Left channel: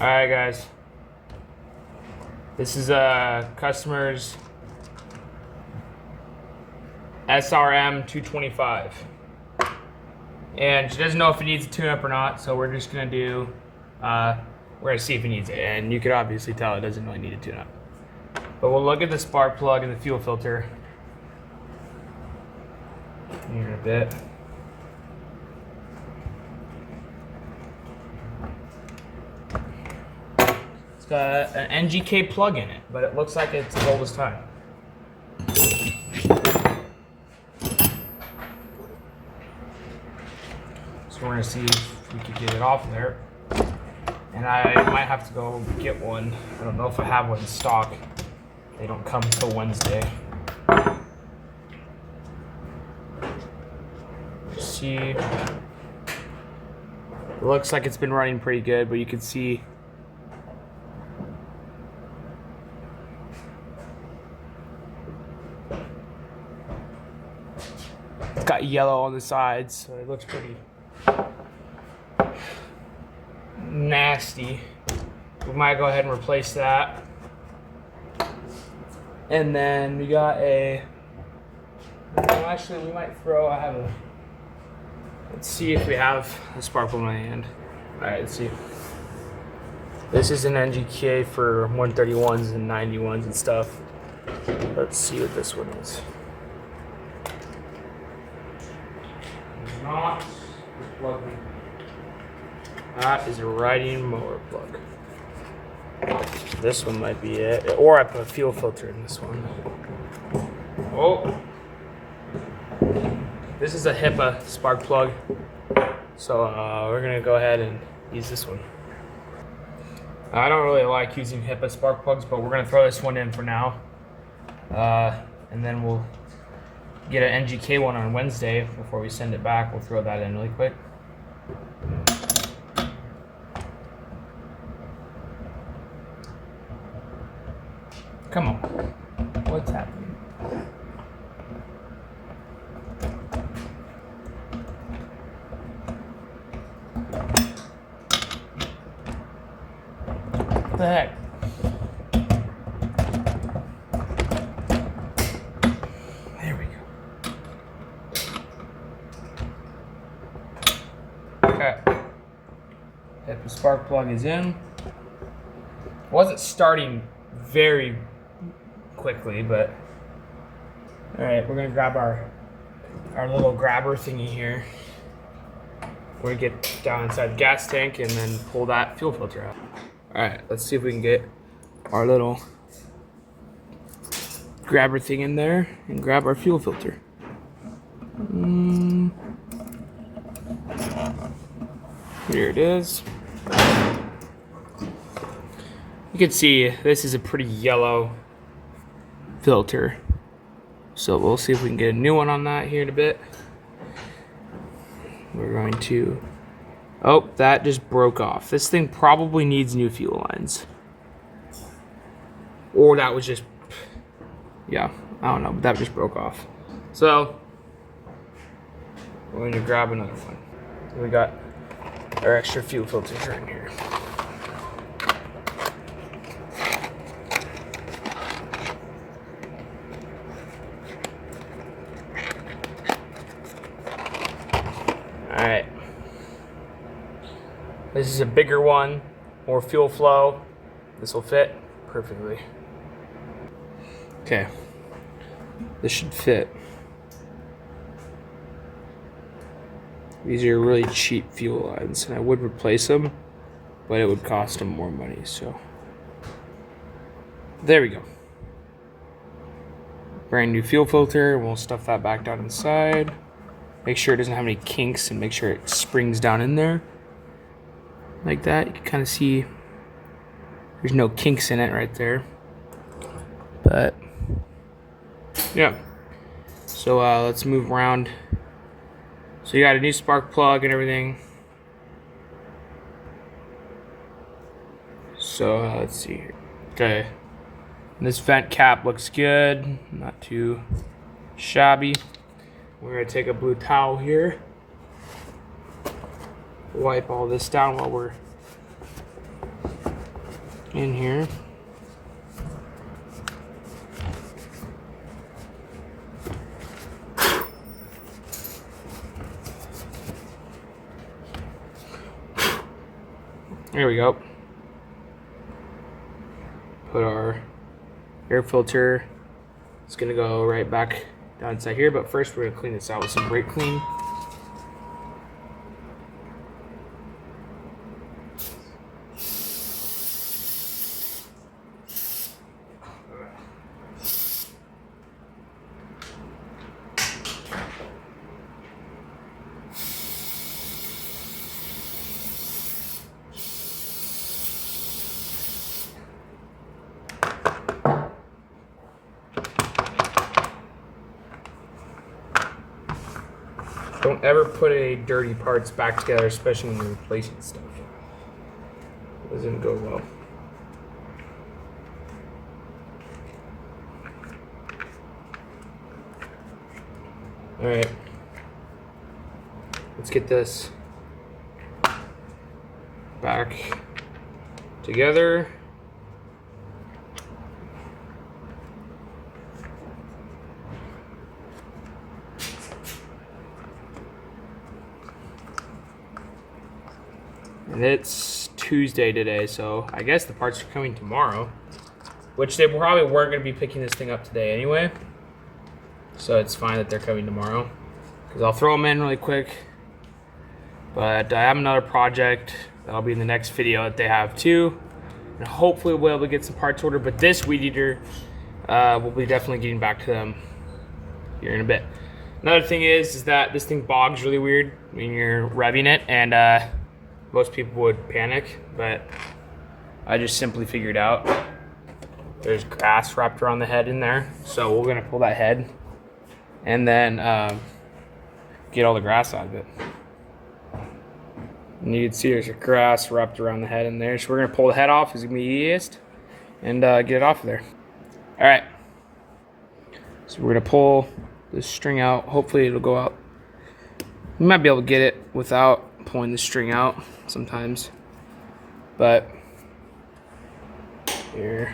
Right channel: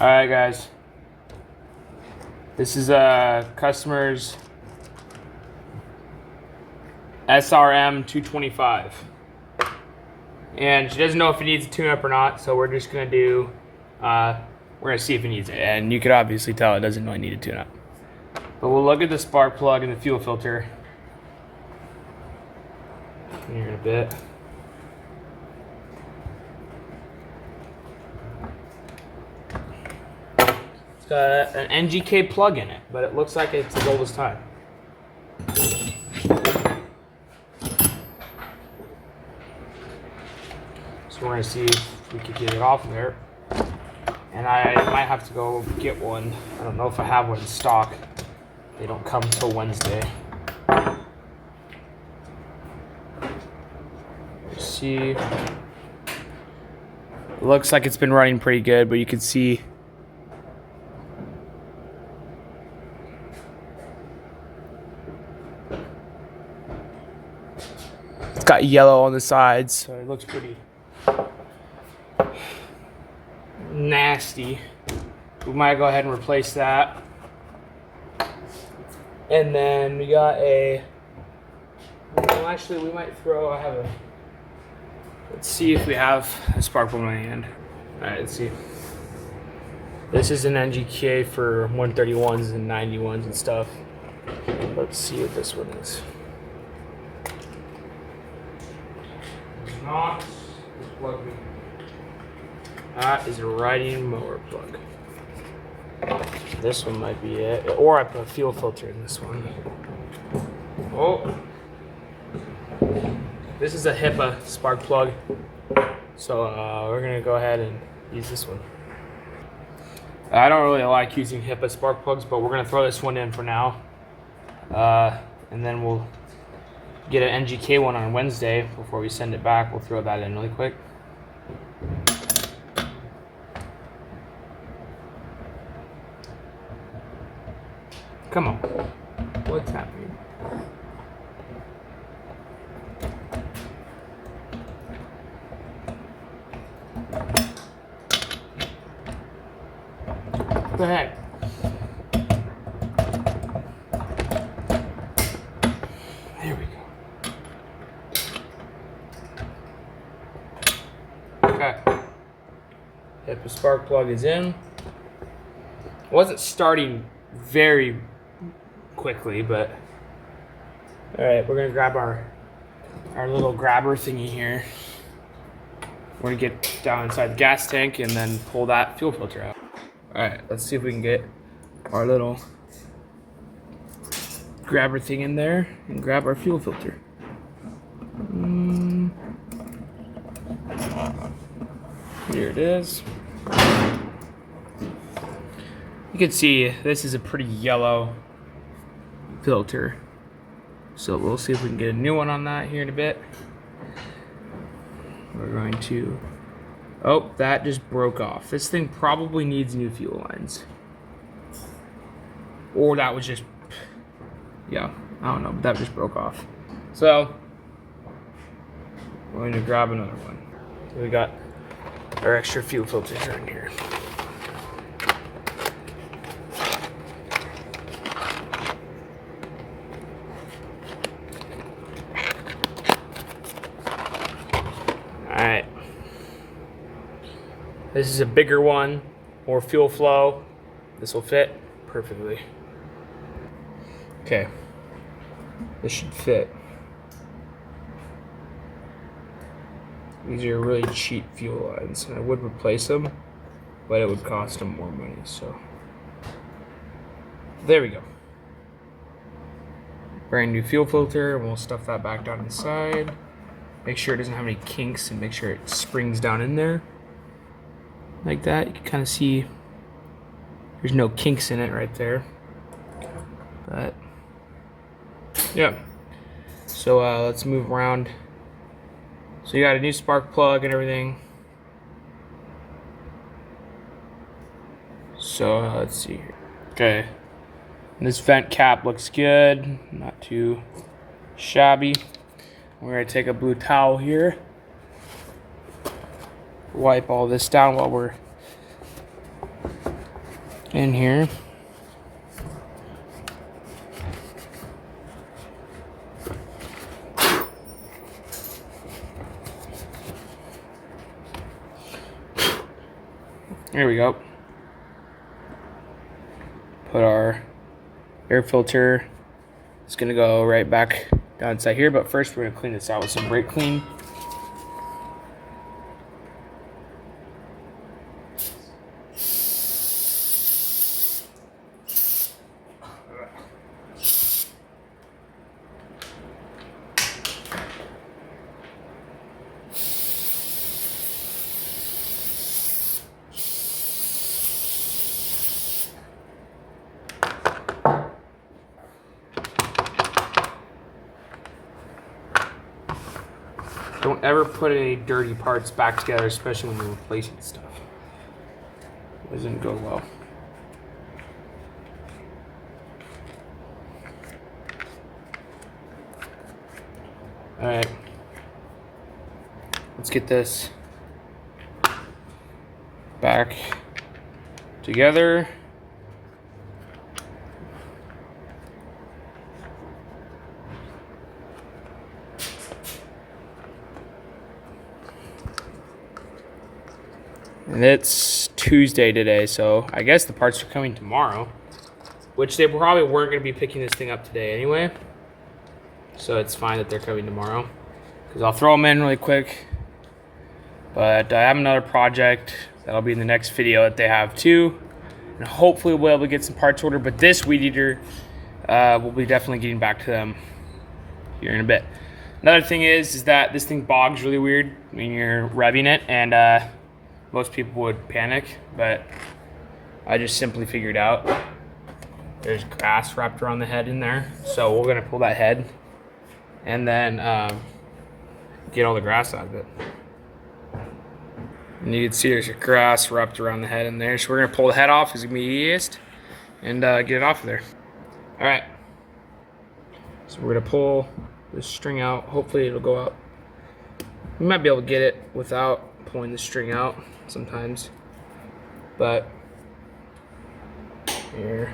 All right, guys. This is a customer's Srm225. And she doesn't know if it needs a tune-up or not, so we're just gonna do, we're gonna see if it needs it. And you could obviously tell it doesn't really need a tune-up. But we'll look at the spark plug and the fuel filter here in a bit. It's got an NGK plug in it, but it looks like it's as old as time. So we're gonna see if we could get it off there. And I might have to go get one. I don't know if I have one in stock. They don't come until Wednesday. Let's see. It looks like it's been running pretty good, but you can see it's got yellow on the sides, so it looks pretty nasty. We might go ahead and replace that. And then we got a, well, actually we might throw, let's see if we have a spark plug in my hand. All right, let's see. This is an NGK for 131s and 91s and stuff. Let's see what this one is. Not the plug. That is a riding mower plug. This one might be it. Or I put a fuel filter in this one. Oh. This is a HIPAA spark plug. So we're gonna go ahead and use this one. I don't really like using HIPAA spark plugs, but we're gonna throw this one in for now. And then we'll get an NGK one on Wednesday before we send it back. We'll throw that in really quick. Come on. What's happening? What the heck? There we go. Okay. The spark plug is in. It wasn't starting very quickly, but all right, we're gonna grab our little grabber thingy here. We're gonna get down inside the gas tank and then pull that fuel filter out. All right, let's see if we can get our little grabber thing in there and grab our fuel filter. Here it is. You can see this is a pretty yellow filter. So we'll see if we can get a new one on that here in a bit. We're going to, oh, that just broke off. This thing probably needs new fuel lines. Or that was just, yeah, I don't know, but that just broke off. So, we're going to grab another one. We got our extra fuel filters in here. Alright, this is a bigger one, more fuel flow. This will fit perfectly. Okay, this should fit. These are really cheap fuel lines, and I would replace them, but it would cost them more money, so. There we go. Brand new fuel filter, and we'll stuff that back down inside. Make sure it doesn't have any kinks and make sure it springs down in there. Like that. You can kind of see there's no kinks in it right there. But, yeah. So let's move around. So you got a new spark plug and everything. So let's see here. Okay. And this vent cap looks good. Not too shabby. We're going to take a blue towel here, wipe all this down while we're in here. There we go. Put our air filter. It's gonna go right back down inside here, but first we're gonna clean this out with some brake clean. Don't ever put any dirty parts back together, especially when you're replacing stuff. It doesn't go well. All right, let's get this back together. And it's Tuesday today, so I guess the parts are coming tomorrow, which they probably weren't going to be picking this thing up today anyway. So it's fine that they're coming tomorrow, because I'll throw them in really quick. But I have another project that'll be in the next video that they have too. And hopefully we'll be able to get some parts ordered, but this weed eater, we'll be definitely getting back to them here in a bit. Another thing is that this thing bogs really weird when you're revving it, and most people would panic, but I just simply figured out there's grass wrapped around the head in there. So we're gonna pull that head and then get all the grass out of it. And you can see there's grass wrapped around the head in there. So we're gonna pull the head off, it's gonna be easiest, and get it off of there. All right, so we're gonna pull this string out. Hopefully it'll go out. We might be able to get it without pulling the string out sometimes, but here.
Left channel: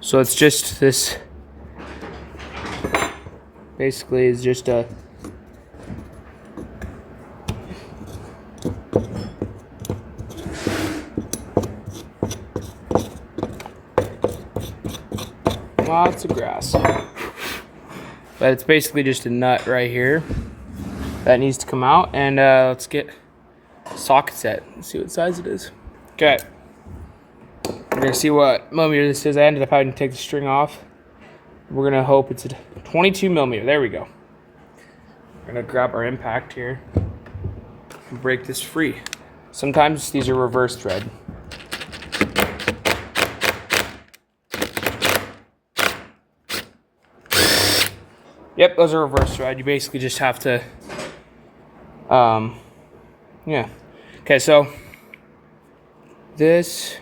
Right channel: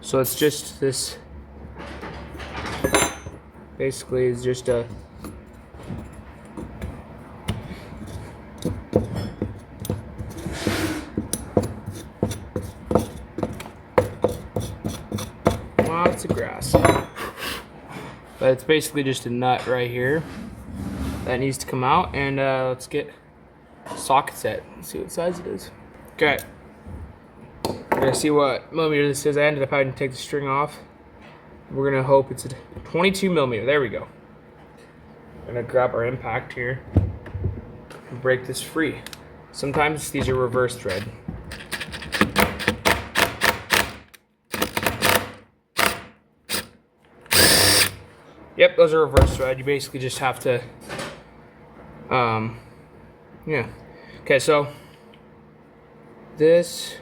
So it's just this, basically is just a lots of grass, but it's basically just a nut right here that needs to come out, and let's get socket set and see what size it is. Okay, we're gonna see what millimeter this is. I ended up having to take the string off. We're gonna hope it's a 22 millimeter. There we go. We're gonna grab our impact here and break this free. Sometimes these are reverse thread. Yep, those are reverse thread. You basically just have to, yeah. Okay, so this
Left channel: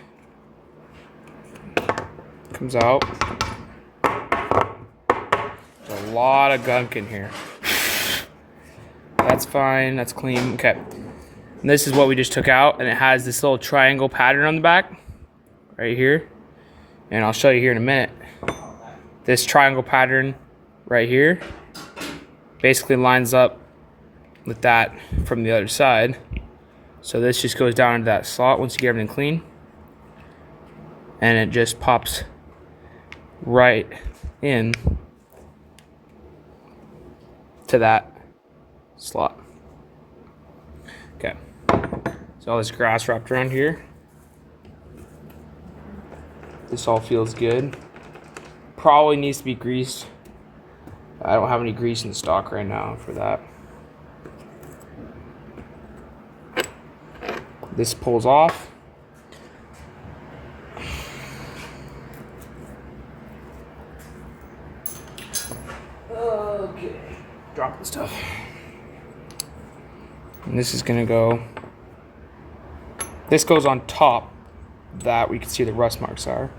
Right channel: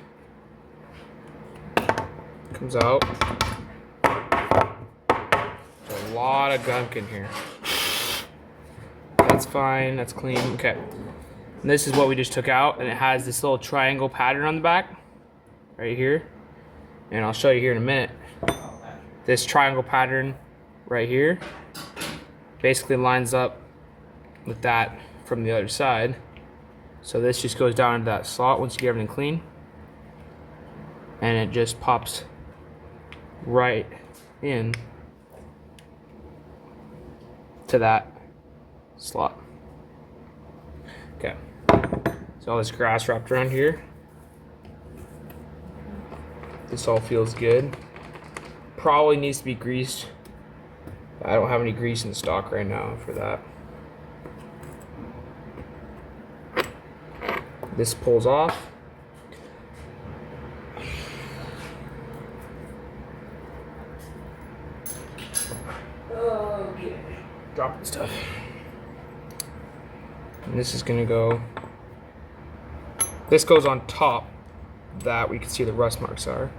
comes out. There's a lot of gunk in here. That's fine, that's clean, okay. And this is what we just took out, and it has this little triangle pattern on the back, right here. And I'll show you here in a minute. This triangle pattern right here basically lines up with that from the other side. So this just goes down into that slot once you get everything clean, and it just pops right in to that slot. Okay, so all this grass wrapped around here. This all feels good. Probably needs to be greased. I don't have any grease in stock right now for that. This pulls off. Okay, drop the stuff. And this is gonna go, this goes on top that we can see the rust marks are.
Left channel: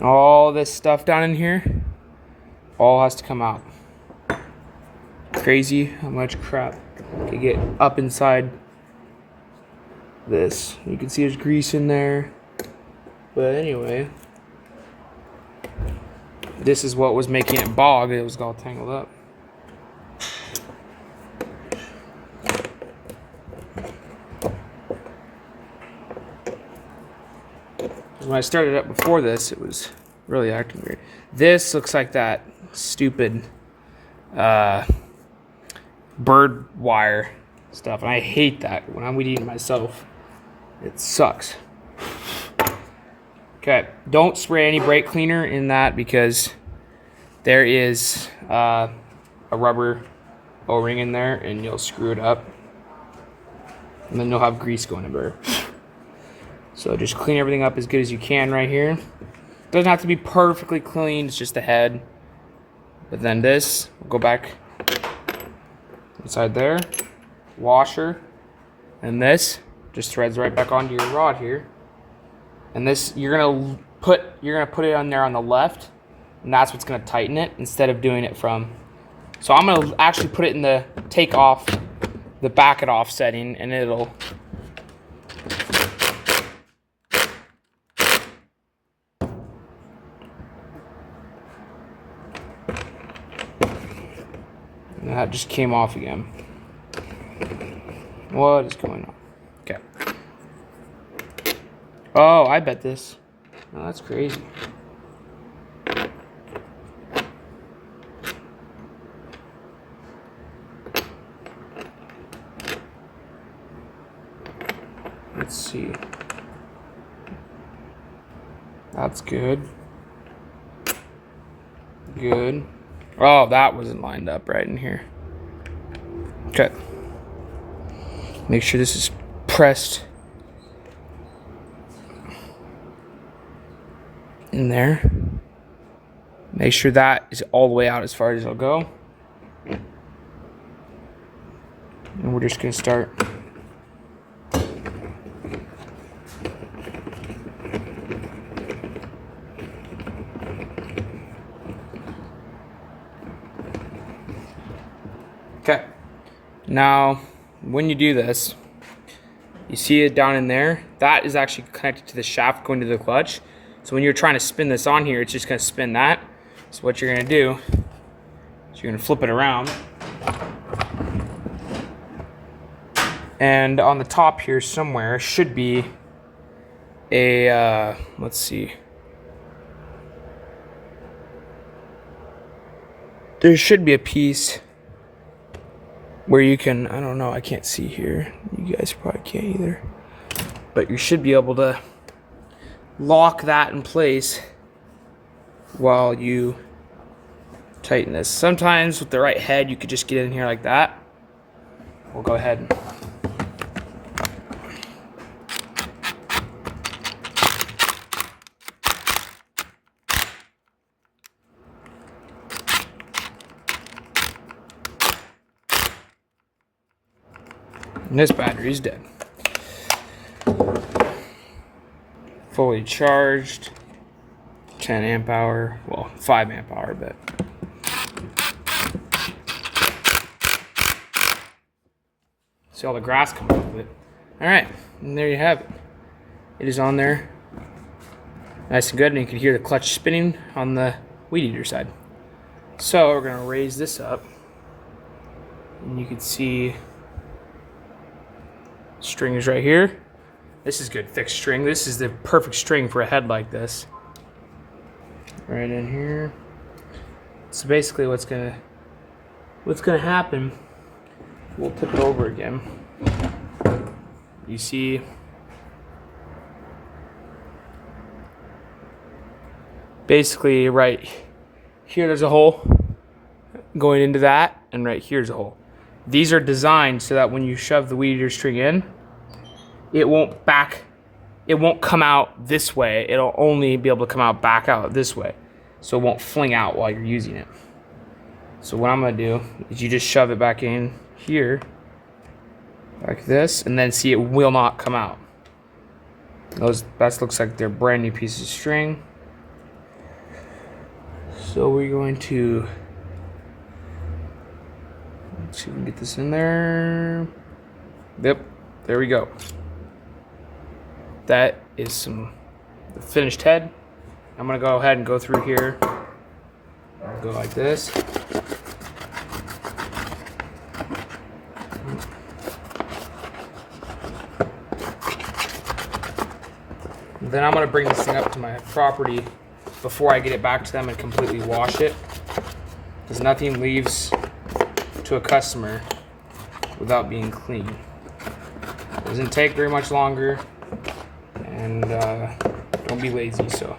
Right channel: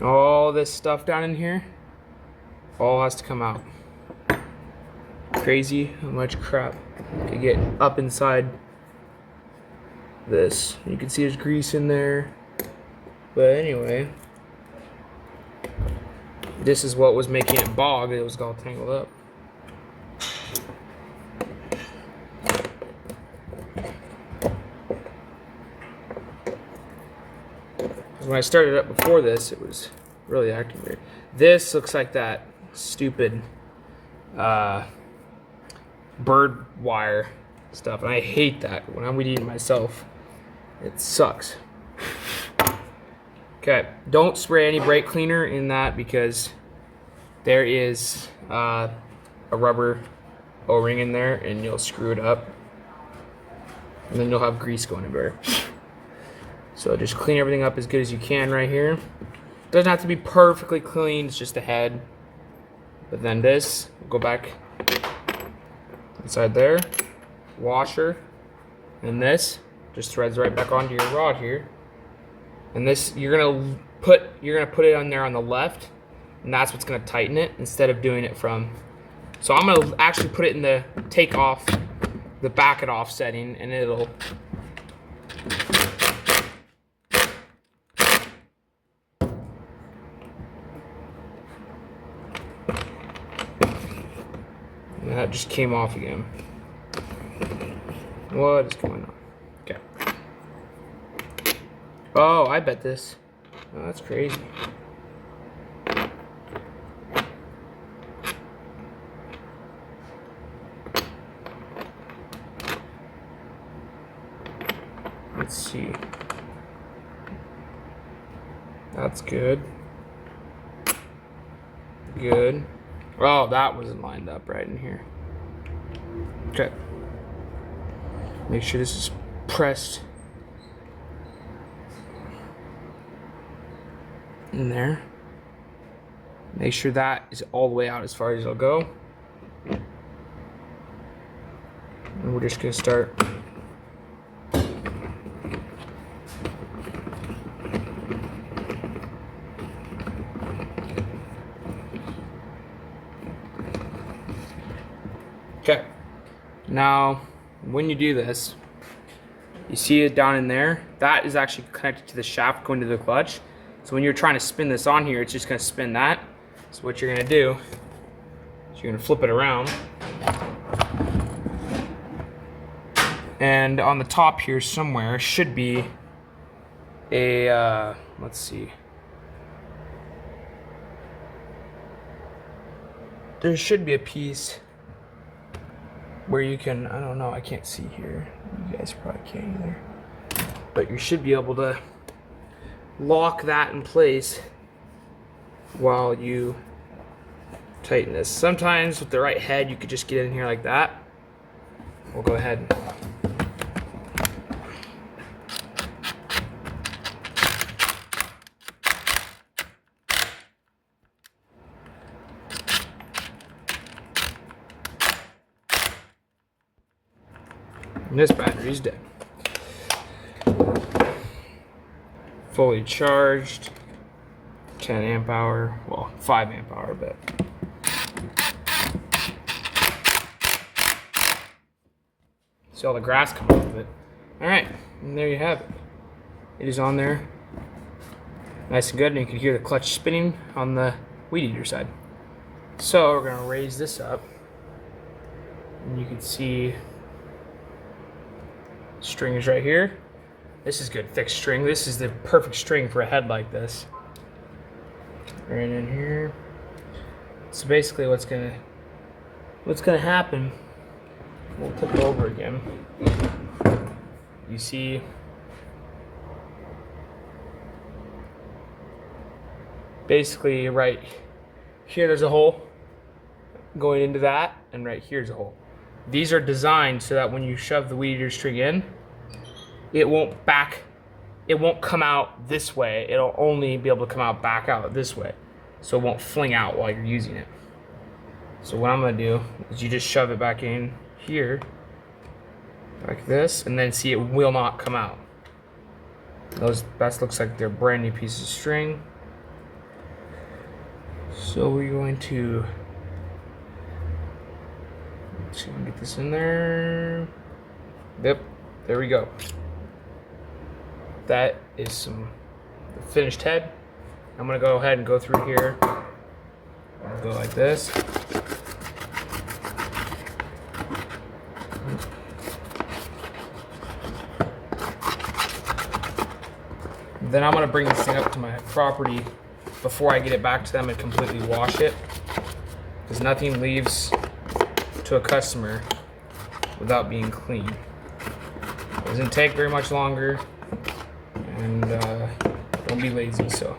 All this stuff down in here all has to come out. Crazy how much crap could get up inside this. You can see there's grease in there. But anyway, this is what was making it bog. It was all tangled up. When I started up before this, it was really acting weird. This looks like that stupid bird wire stuff, and I hate that when I'm weed eating myself. It sucks. Okay, don't spray any brake cleaner in that because there is a rubber O-ring in there, and you'll screw it up, and then you'll have grease going everywhere. So just clean everything up as good as you can right here. Doesn't have to be perfectly clean, it's just the head. But then this, go back inside there, washer, and this just threads right back onto your rod here. And this, you're gonna put it on there on the left, and that's what's gonna tighten it instead of doing it from. So I'm gonna actually put it in the take off, the back it off setting, and it'll. And that just came off again. What is going on? Okay. Oh, I bet this. Oh, that's crazy. Let's see. That's good. Good. Oh, that wasn't lined up right in here. Okay. Make sure this is pressed in there. Make sure that is all the way out as far as it'll go. And we're just gonna start. Okay. Now, when you do this, you see it down in there. That is actually connected to the shaft going to the clutch. So when you're trying to spin this on here, it's just gonna spin that. So what you're gonna do is you're gonna flip it around. And on the top here somewhere should be a, let's see. There should be a piece where you can, I don't know, I can't see here. You guys probably can't either. But you should be able to lock that in place while you tighten this. Sometimes with the right head, you could just get in here like that. We'll go ahead and this battery's dead. Fully charged, 10 amp hour, well, 5 amp hour, but. See all the grass coming off of it. All right, and there you have it. It is on there, nice and good, and you can hear the clutch spinning on the weed eater side. So we're gonna raise this up, and you can see string is right here. This is good thick string. This is the perfect string for a head like this. Right in here. So basically what's gonna happen, we'll tip it over again. You see basically right here there's a hole going into that, and right here's a hole. These are designed so that when you shove the weed eater string in, it won't come out this way. It'll only be able to come back out this way. So it won't fling out while you're using it. So what I'm gonna do is you just shove it back in here, like this, and then see it will not come out. That looks like they're brand new pieces of string. So we're going to, let's see if we can get this in there. Yep, there we go. that is the finished head. I'm gonna go ahead and go through here. Go like this. Then I'm gonna bring this thing up to my property before I get it back to them and completely wash it, because nothing leaves to a customer without being clean. It doesn't take very much longer, and don't be lazy. So.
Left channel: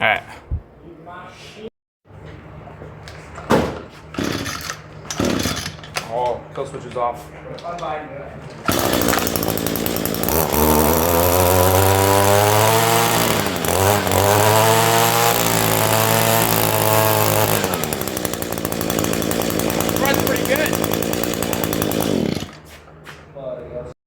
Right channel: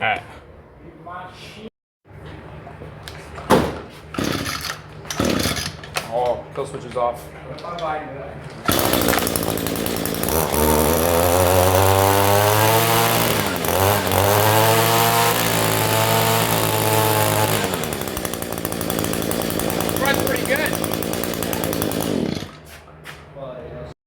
All right. Oh, kill switch is off. Runs pretty good.